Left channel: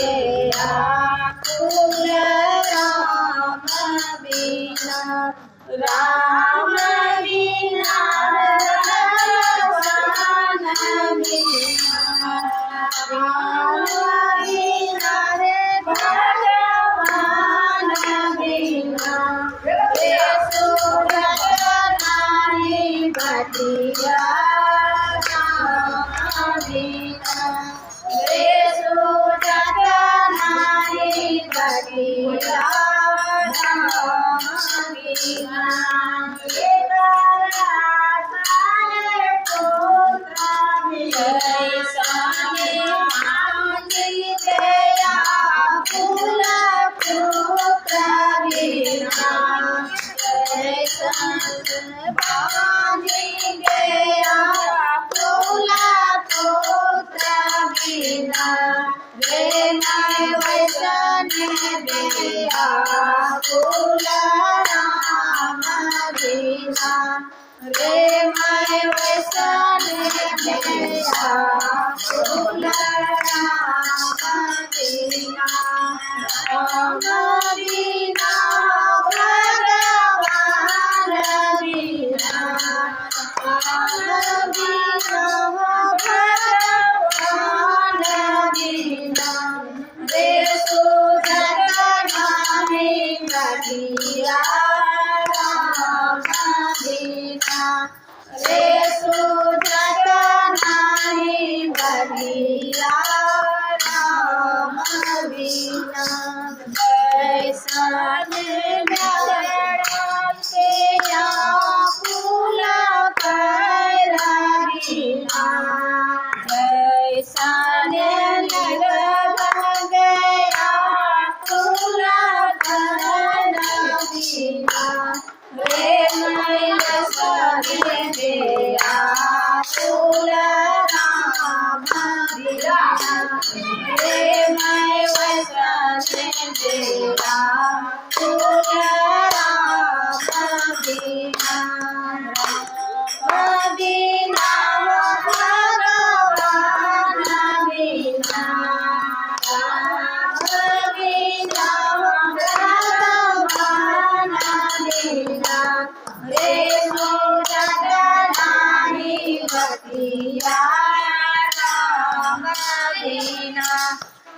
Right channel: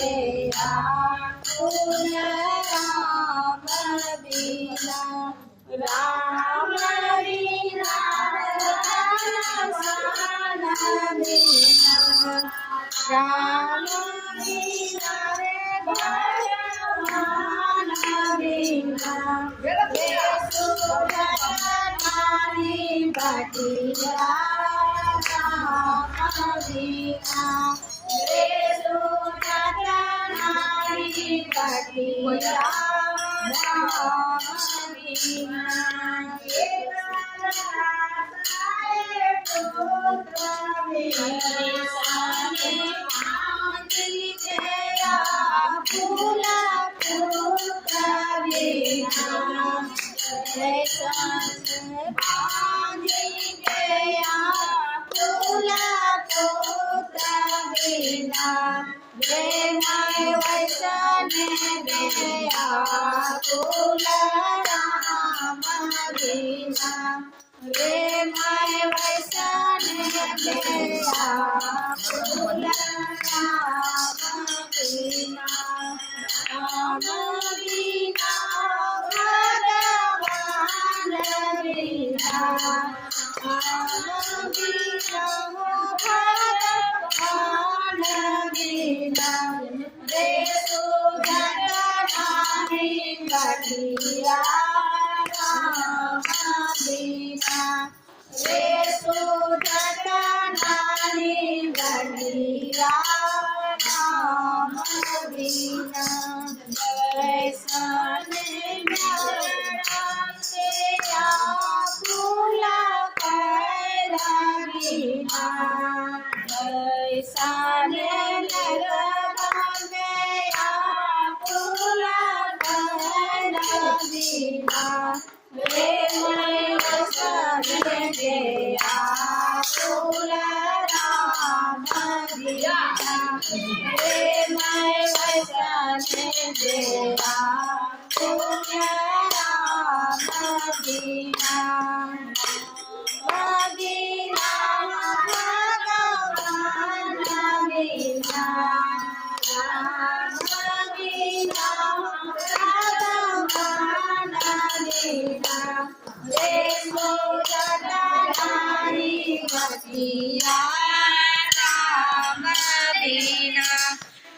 व्याकुल राम बिना राम बिना दर्शन बिना राम बिना रे भगवान बिना रे सूरज नारी बटिया राम बिना रे सूरज नारी बटिया राम बिना रे मैं वैसन मेरा फूल राम बिना राम बिना भगवान बिना राम बिना भगवान बिना रे सुधर नारी बटिया राम बिना रे सुधर नारी बटिया राम बिना वैसन गया फूल पैरा वैसन लग गया फूल पैरा बिना रे मैं वैसन गया फूल राम बिना रे मैं वैसन गया